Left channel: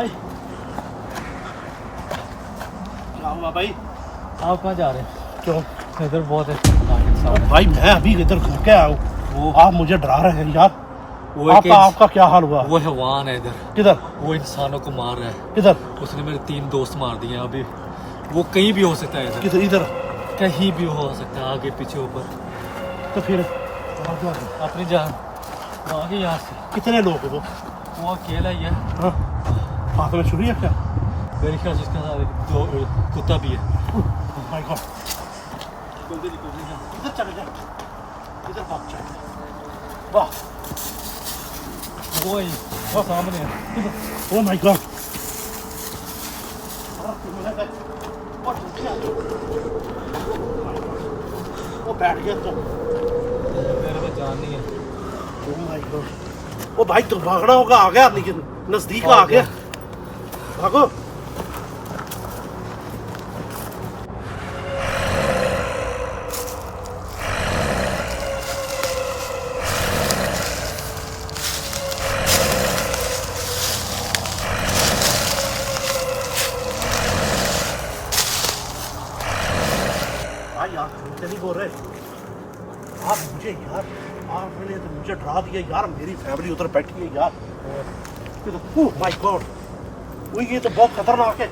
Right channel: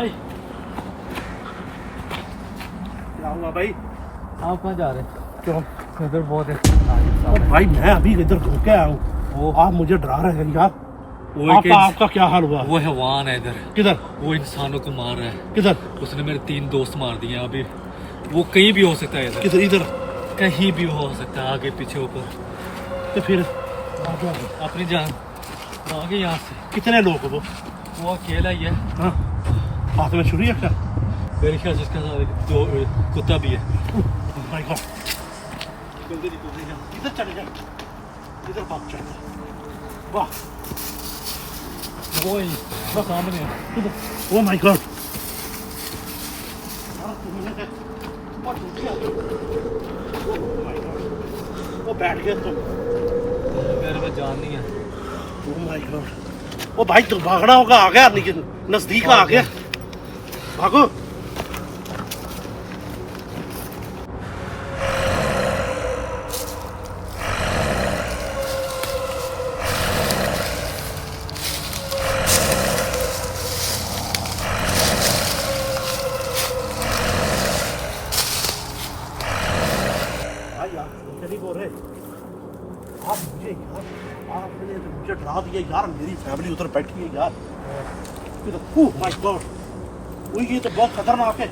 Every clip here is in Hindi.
भाई क्या हुआ भाई? आप कहाँ जा रहे हैं? क्यों? इधर बहुत है भाई मैं अभी इधर घूम के आया हूँ, वो आप मुझे डरा रहे हैं यार। वो आपका क्या हाल हुआ? वो हैवान है इधर, किधर? वो इंसानों को मार रहा है। किधर? उसने मेरे 3 दोस्त मार दिए हैं अभी। वो कहीं भी हो सकता है इधर, किधर? इधर कहीं भी हो सकता है, आगे पीछे ऊपर। तो फिर अपनी जान आगे यहाँ से। कितने लोग हो? वो अकेला ही है। हाँ, हाथ में छुरी है क्या? मेरे ख्याल से उसके साथ 2 कुत्ता भी है। माय गॉड, इधर चले जा, इधर भाग जा। वाह, वो ही वो सामने है। ओ माय गॉड, वो बैठ गया तो मेरे में जान नहीं है। ओ माय गॉड, ओ भाई तो भागना होगा, आ गया लेकिन नजदीक आ गया, भागो। यार मुझे नहीं बोल रहे आप मुझे यार, आपने तो मुझे डरा दिया यार। मेरी फैमिली उधर बैठी है यार। ओह माय गॉड, वो ये तो बहुत खतरनाक है।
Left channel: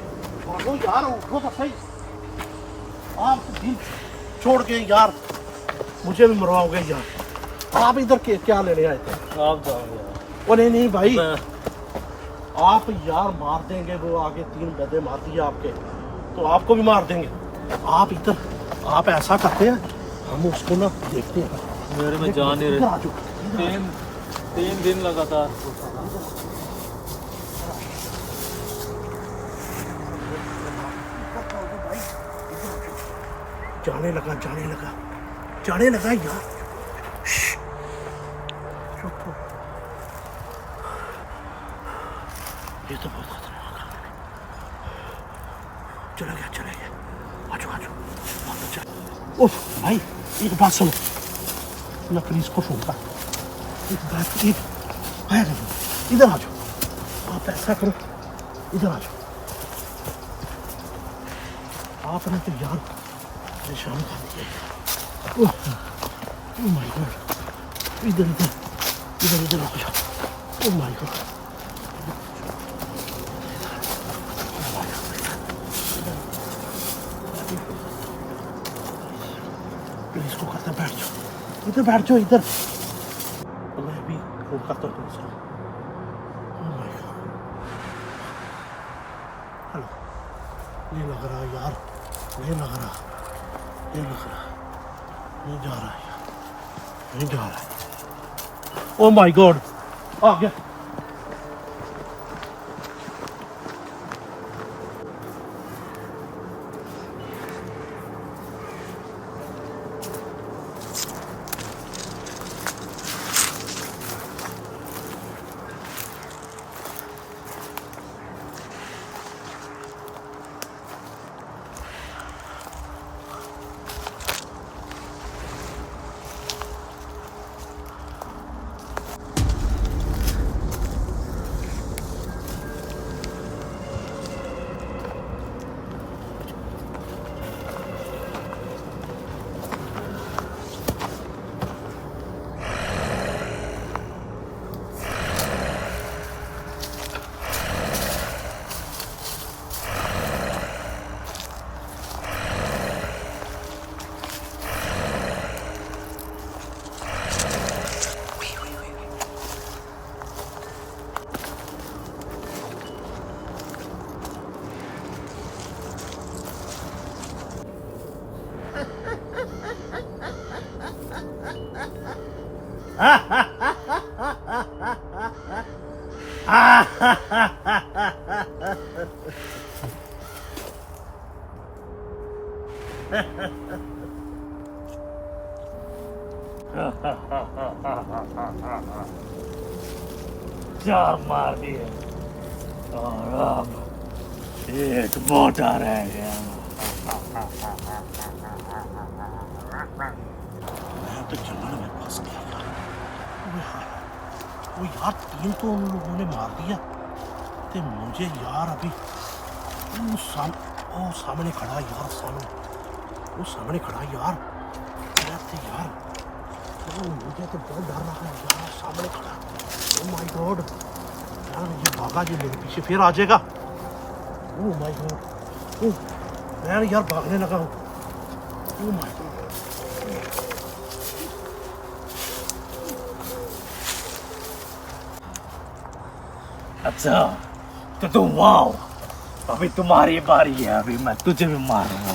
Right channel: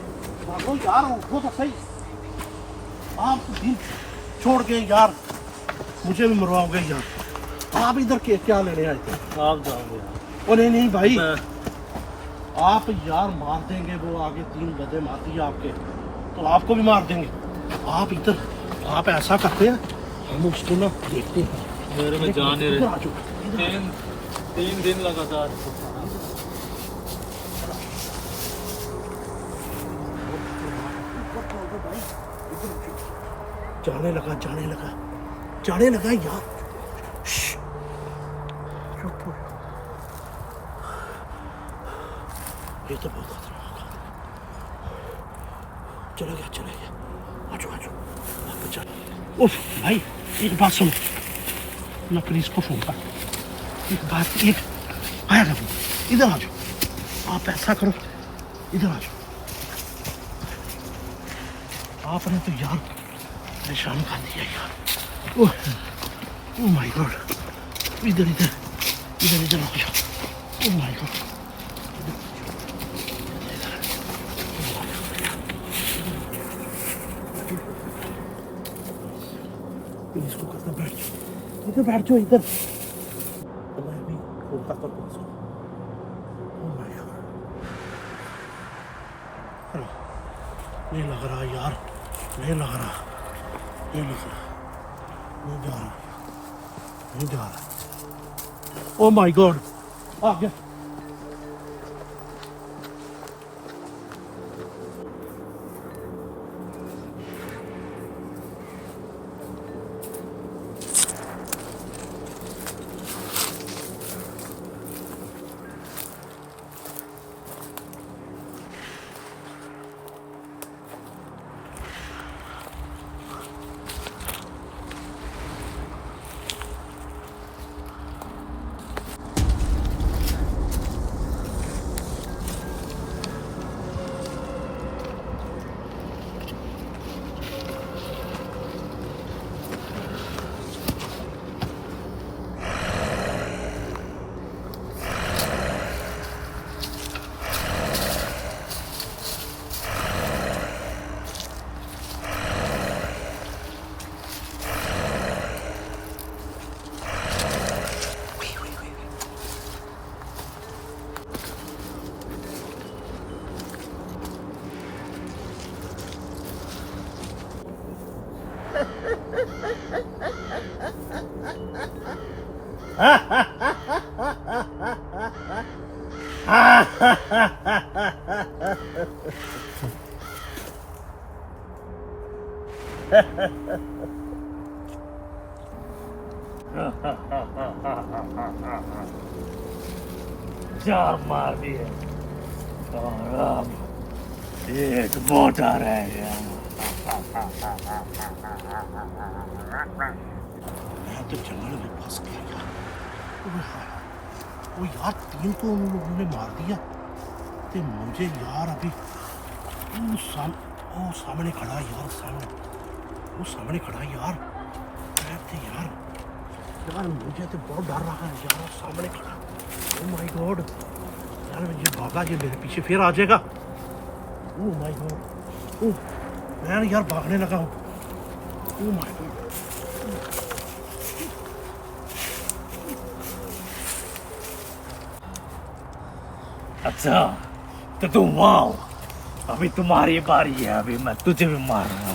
भागो यार, उठो तो सही। आप तो दिन छोड़ गए यार, मुझे भी मरवाओगे यार। आप इधर के क्या लेने आए थे? आप जाओ यार। ओ नहीं नहीं भाई, आप यार मार देंगे। वो आगे 3 गधे मार दिए आपके, तो आपको भी मार देंगे। आप इधर, आप ऐसा करते हैं, हम उसको ना देखते हैं। मेरे में जान नहीं इधर आ रही। जाओ। 3 दिन लगातार भाई जाने लगा, जाने लगा, जाने लगा यार। चुप हो। ये तो बहुत खतरनाक है। चला गया, चला गया। आजो आजो, बहुत अच्छा। उफ भाई, एक बात सुनो, मैं पुलिस को फोन कर। एक बात, एक आया, इधर आ जाओ। आप ऐसा करो, इधर आ जाओ। आपने तो यार परेशान कर दिया यार। ओह माय गॉड, इधर इधर इधर इधर रुक जाओ। ओह माय गॉड, पुलिस को कहता बैठ जाओ, इधर बैठ जाओ इधर। तो मैं भी फोन करता हूँ पुलिस को। ओह माय गॉड, नहीं लग रहा यार, नहीं लग रहा, नहीं लग रहा, नहीं जा रहा, नहीं जा रहा। ओह माय गॉड, आ गया। चार मार दिए और अब एक मोटा रह गया। मैं तो जंगल में फंस गया यार। वो यार 3 तो उन लोगों ने मार दिया, ते कहते मुझे यार अभी ओ सामने खड़ा यार, सामने खड़ा यार। कहते यार मुझे तो बहुत डर रहा है यार, सामने खड़ा। ओ माय गॉड यार, ये भागा, ये मेरे पीछे फिर आ जाएगा। ओ माय गॉड, मैं यार भागने लगा हूँ। ओ माय गॉड, अच्छा तो तुम वाओ, अभी तुम्हारी बारी है, अभी मैं तुझे भी मारूंगा।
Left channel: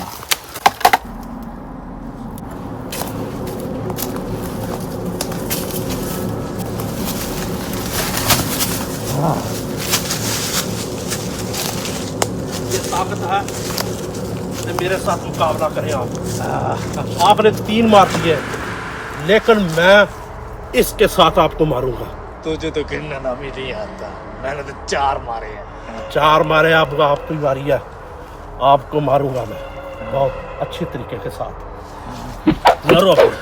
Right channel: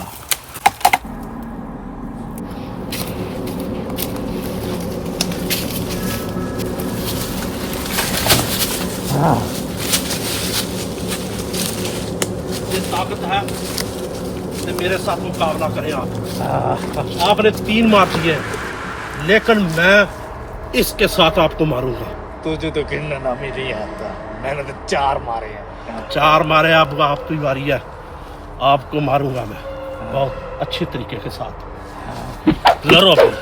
ये ताकत है कि मेरे साथ मुकाबला करें आप। आपने 3 मार दिए, लेकिन मैं इसके साथ आपको मारूंगा। तुझे तो गिनना भी नहीं आता, मैंने तो 4 मारे हैं। 4 मारे, अब आपकी बारी है। आपको मारूंगा मैं बहुत अच्छे तरीके के साथ। लड़ो फिर।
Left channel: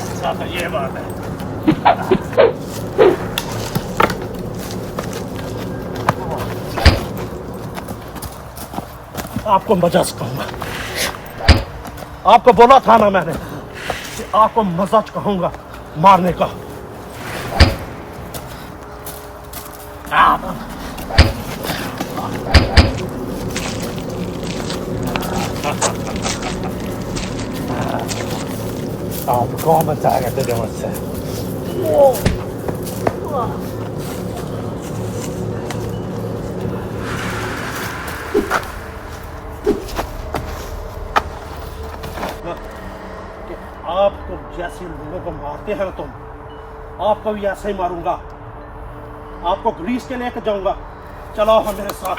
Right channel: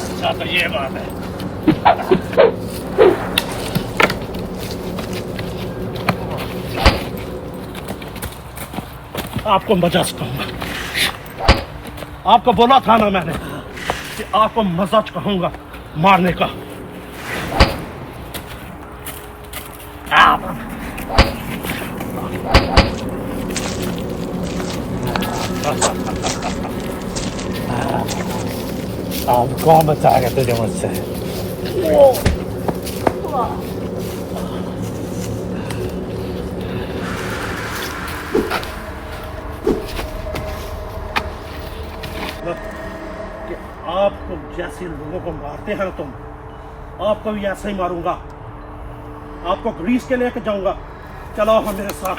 अच्छा तो ये बात है। आपको मजा सिखाऊंगा। आपको बोला था ना मैंने कि आपको मजा सिखाऊंगा मारने का। कौन बचाएगा तुझे मुझसे? कि आपको जैसे लोगों को मारते हैं ना तुम, आपको भी ऐसे ही मारूंगा। आपको ग्रीस के लेके जाऊंगा। चलो हम मेरे साथ।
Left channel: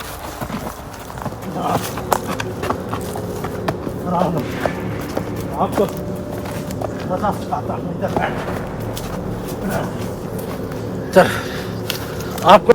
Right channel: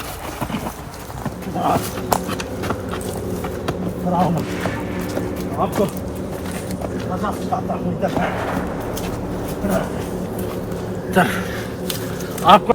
आपको मजा सिखाता हूँ, इधर चल। आपको